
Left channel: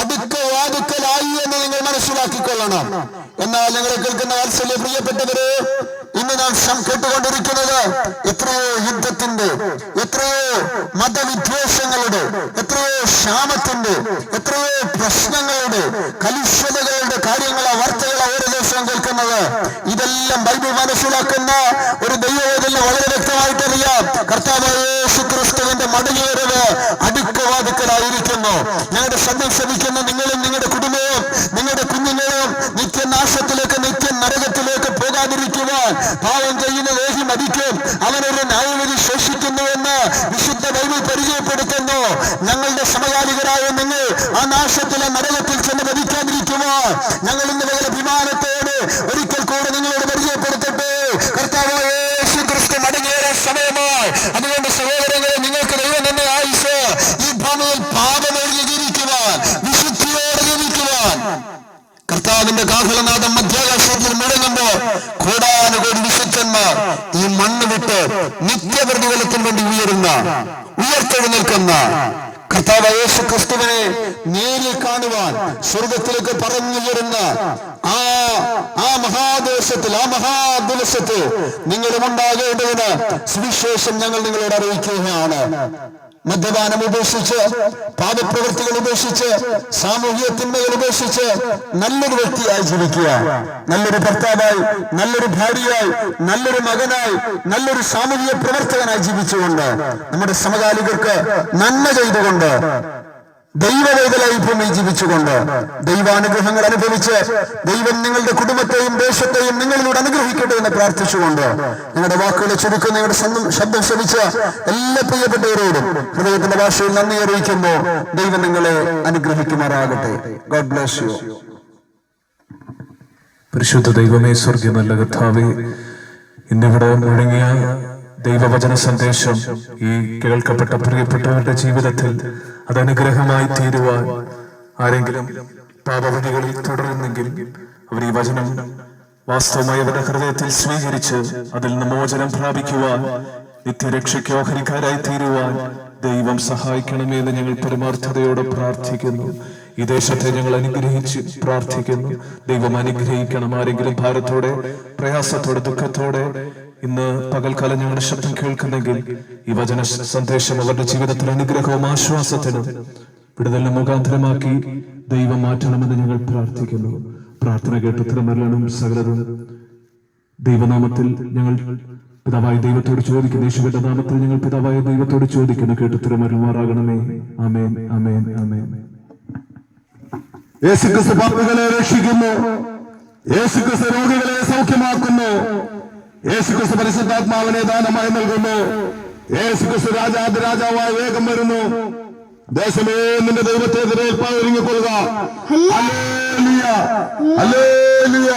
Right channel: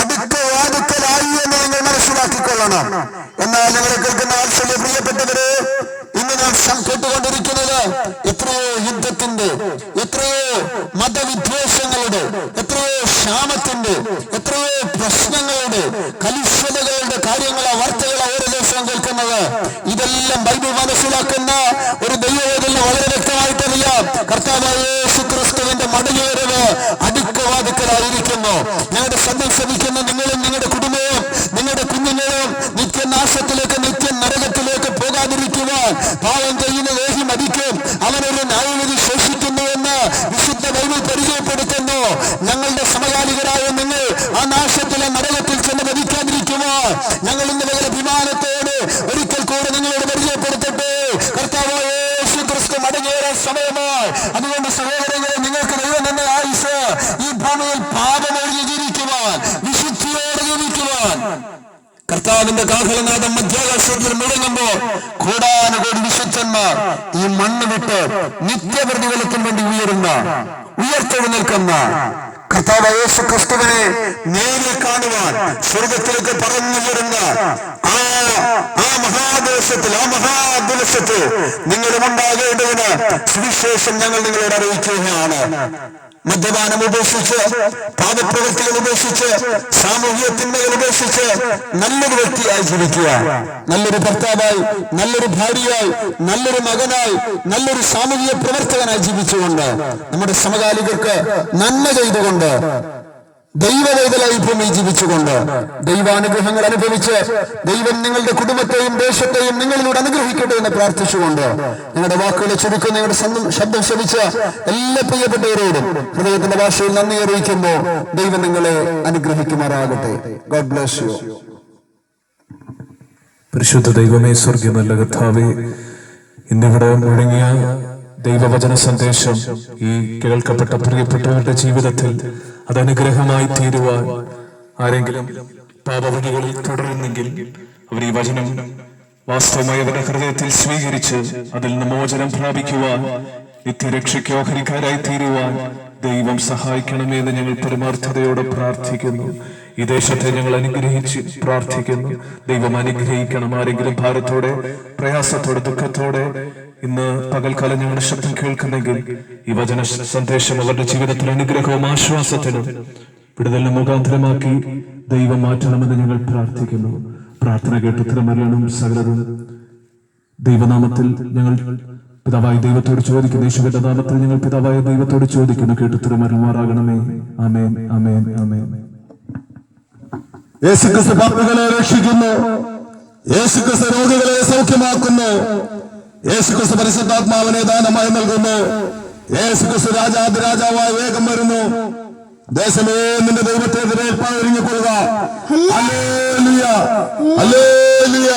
അടുക്കലായി എന്ന് നിങ്ങൾ മനസ്സിലാക്കിക്കൊള്ളണം. എന്നാൽ ഞങ്ങളെ കേൾക്കുന്ന വാത്സല്യ പ്രിയപ്പെട്ടവരെ, ഇന്ന് നാം കേട്ടുകൊണ്ടിരിക്കുന്നത് എത്രയോ യുദ്ധത്തിന്റെ, എത്രയോ മതവിദ്വേഷങ്ങളുടെ, എത്രയോ ക്ഷാമത്തിന്റെ, എത്രയോ പ്രശ്നങ്ങളുടെ, കലുഷിതകളുടെ കാര്യങ്ങളോ വാർത്തകളോ ഓരോ ദിവസവും കേൾക്കുന്നത്. ഇതെല്ലാം ബൈബിൾ മനസ്സിലാക്കുന്ന ഒരു ദൈവവേദന വളരെ വ്യക്തമായിട്ടറിയാം. കർത്താവായ യേശു ക്രിസ്തുവിന്റെ മടങ്ങിവരവ് അടുക്കലായിരിക്കുന്നു. ഞങ്ങളുടെ ശബ്ദം ശ്രമിക്കുന്ന നിങ്ങളും നിങ്ങളുടെ കുടുംബവും നിങ്ങളുടെ കുഞ്ഞുങ്ങളും നിത്യനാശത്തിലേക്ക്, നിത്യ നരകത്തിലേക്ക് പോകാതിരിക്കുവാൻ പാവം ചെയ്യുന്ന ദേഹി മരിക്കും, അവനൊരു ന്യായവിധി ശേഷിക്കുന്നുവെന്ന് വിശുദ്ധ ബൈബിൾ പരിചയപ്പെടുത്തുന്നു. ഞങ്ങളുടെ സമകാലികരായ നിങ്ങൾ ആ നാശത്തിലെ നരകത്തിൽ ചെന്ന് മരിക്കാതിരിക്കുവാൻ ഞങ്ങൾ ഇന്ന് വളരെ അഭിമാനത്തോട് ഒരിക്കൽ കൂടെ നിങ്ങളോട് പരിചയപ്പെടുത്തട്ടെ. കർത്താവായ യേശു ക്രിസ്തു മടങ്ങിയേറെ സമയമായി. അതുകൊണ്ട് സഹോദരങ്ങളെ, നിങ്ങൾക്ക് ദൈവം തന്നെ ആയുസ് ഈ ഭൂമിയിൽ പാപമൊഴിഞ്ഞ് ജീവിക്കുവാൻ, വിശുദ്ധിയോടെ ജീവിക്കുവാൻ കർത്താവിന്റെ കാഹളനാദം മധ്യ നിത്യപ്രതിഫലത്തിന് വേണ്ടി ഉയർത്തെഴുന്നേൽക്കുന്ന കർത്താവ് യേശു ക്രിസ്തുവിനെ നേരിൽ കാണുവാൻ സ്വർഗത്തിലേക്ക് പറഞ്ഞു വരുന്ന ആ മഹാദേശത്തിൽ ആ മഹാദിവസത്തിൽ നിങ്ങളും ഉണ്ടാകേണ്ടതിന് സുവിശേഷം ഞങ്ങൾ നിങ്ങളോട് അറിയിക്കുകയാണ്. മദ്യപാനം ഉപേക്ഷിച്ച്, പാപപ്രവൃത്തികൾ ഉപേക്ഷിച്ച്, സാമൂഹിക തിന്മകൾ ഉപേക്ഷിച്ച് നല്ലൊരു വ്യക്തിയായി ജീവിക്കുക. നല്ലൊരു ഭർത്താവായി, നല്ലൊരു ഭാര്യയായി, നല്ലൊരു മകനായി, നല്ലൊരു സാമൂഹിക പ്രവർത്തകനായി ജീവിച്ചുകൊണ്ട് നമ്മുടെ സമകാലികർക്ക് നന്മ ചെയ്തുകൊണ്ട് ദൈവവേദലായി ഭൂമി ജീവിച്ചുകൊണ്ട് ദൈവാനുഗ്രഹങ്ങൾ അനുഭവിച്ച് ദൈവം നിങ്ങളുടെ കുടുംബത്തെയും ദേശത്തെയും നിങ്ങളിലൂടെ അനുഗ്രഹിക്കട്ടെ എന്ന് പ്രാർത്ഥിച്ചുകൊണ്ട് നിങ്ങളുടെ വാക്കുകളെ ചുരുക്കുന്ന നിങ്ങളുടെ ശബ്ദം ശ്രമിച്ച എല്ലാ പ്രിയപ്പെട്ടവരോടും ഹൃദയത്തിന്റെ ഭാഷയിൽ നന്ദി അറിയിക്കുമ്പോൾ ദൈവം നിങ്ങളെ അനുഗ്രഹിക്കുമാറാകട്ടെ. God bless U. പരിശുദ്ധ ദൈവമേ, സ്വർഗ്ഗീയ നല്ല കർത്താവേ, ഇന്നിവിടെ മുഴങ്ങിയ ദൈവവചന സന്ദേശം ഈ കേൾക്കപ്പെട്ട പ്രിയപ്പെട്ടവരുടെ ജീവിതത്തിൽ അത് അനുഗ്രഹമായി തീരുവാൻ ആരെങ്കിലും പാപവഴികളിൽ തുടരുന്നെങ്കിൽ അവർ ഈ വചനം വാസ്തവമായി അവരുടെ ഹൃദയത്തിൽ സ്വീകരിച്ച് അതിൽ നിന്ന് മോചനം പ്രാപിക്കുവാൻ, നിത്യരക്ഷയ്ക്ക് ഓഹരിക്കാരായി തീരുവാൻ ദൈവം സഹായിക്കണമെന്ന് ഞങ്ങൾ പരമാർത്ഥതയോടെ പ്രാർത്ഥിക്കുന്നു. ഈ ദേശത്തെ ഞങ്ങൾ അനുഗ്രഹിച്ച് പ്രാർത്ഥിക്കുന്നു. ദൈവം അനുഗ്രഹിക്കണം. ആരെങ്കിലും ഭാരത്തോടെ, പ്രയാസത്തോടെ, ദുഃഖത്തോടെ ഇന്ന് പകൽക്കാലം ഞങ്ങളുടെ ശബ്ദം കേൾക്കുന്നെങ്കിൽ ഈ വചന സന്ദേശം അവരുടെ ജീവിതത്തിൽ അനുഗ്രഹവും ആശ്വാസത്തിനും വിടുതലിനും മുഖാന്തരമാക്കി ദൈവം മാറ്റണമെന്ന് ഞങ്ങൾ പ്രാർത്ഥിക്കുന്നു. പ്രാർത്ഥന കേട്ട് തിരുമരണം സകലതും ദൈവനാമത്തിൽ ഞങ്ങൾ പിതാവായ ദൈവത്തോട് ചോദിക്കുന്നു. യേശുവിന്റെ നാമത്തിൽ ഞങ്ങൾ പിതാവായ ദൈവത്തോട് ചോദിക്കുന്നു. കേട്ട് തിരുമരണമാറാകണമേ. ആമേൻ, ആമേൻ, ആമേൻ. യേശുക്രിസ്തു പാപികളെ രക്ഷിക്കുന്നു. യേശുക്രിസ്തു രോഗികളെ സൗഖ്യമാക്കുന്നു. യേശുക്രിസ്തു പരിശുദ്ധാത്മാവിനെ ദാനമായി നൽകുന്നു. യേശുക്രിസ്തു രാജാതിരാജാവായി വേഗം വരുന്നു. ദേശമേ, നിന്റെ ദൈവത്തെ എതിരേൽപ്പാൻ ഒരുങ്ങിക്കൊള്ളുക. ഹല്ലേലൂയ, ഹല്ലേലൂയ,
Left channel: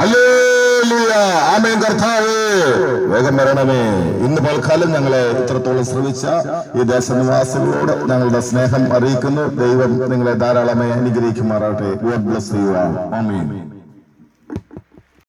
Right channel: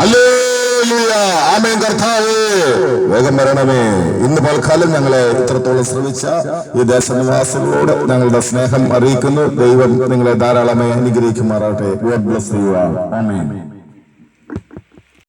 ഹല്ലേലൂയ. ആമേൻ. കർത്താവേ, വേഗം വരണമേ. ഇന്ന് പൽക്കാലം ഞങ്ങളെ ഇത്രത്തോളം ശ്രമിച്ച ഈ ദേശനിവാസികളോട് ഞങ്ങളുടെ സ്നേഹം അറിയിക്കുന്നു. ദൈവം നിങ്ങളെ ധാരാളമായി അനുഗ്രഹിക്കുമാറാട്ടെ. God bless you. ആമേൻ.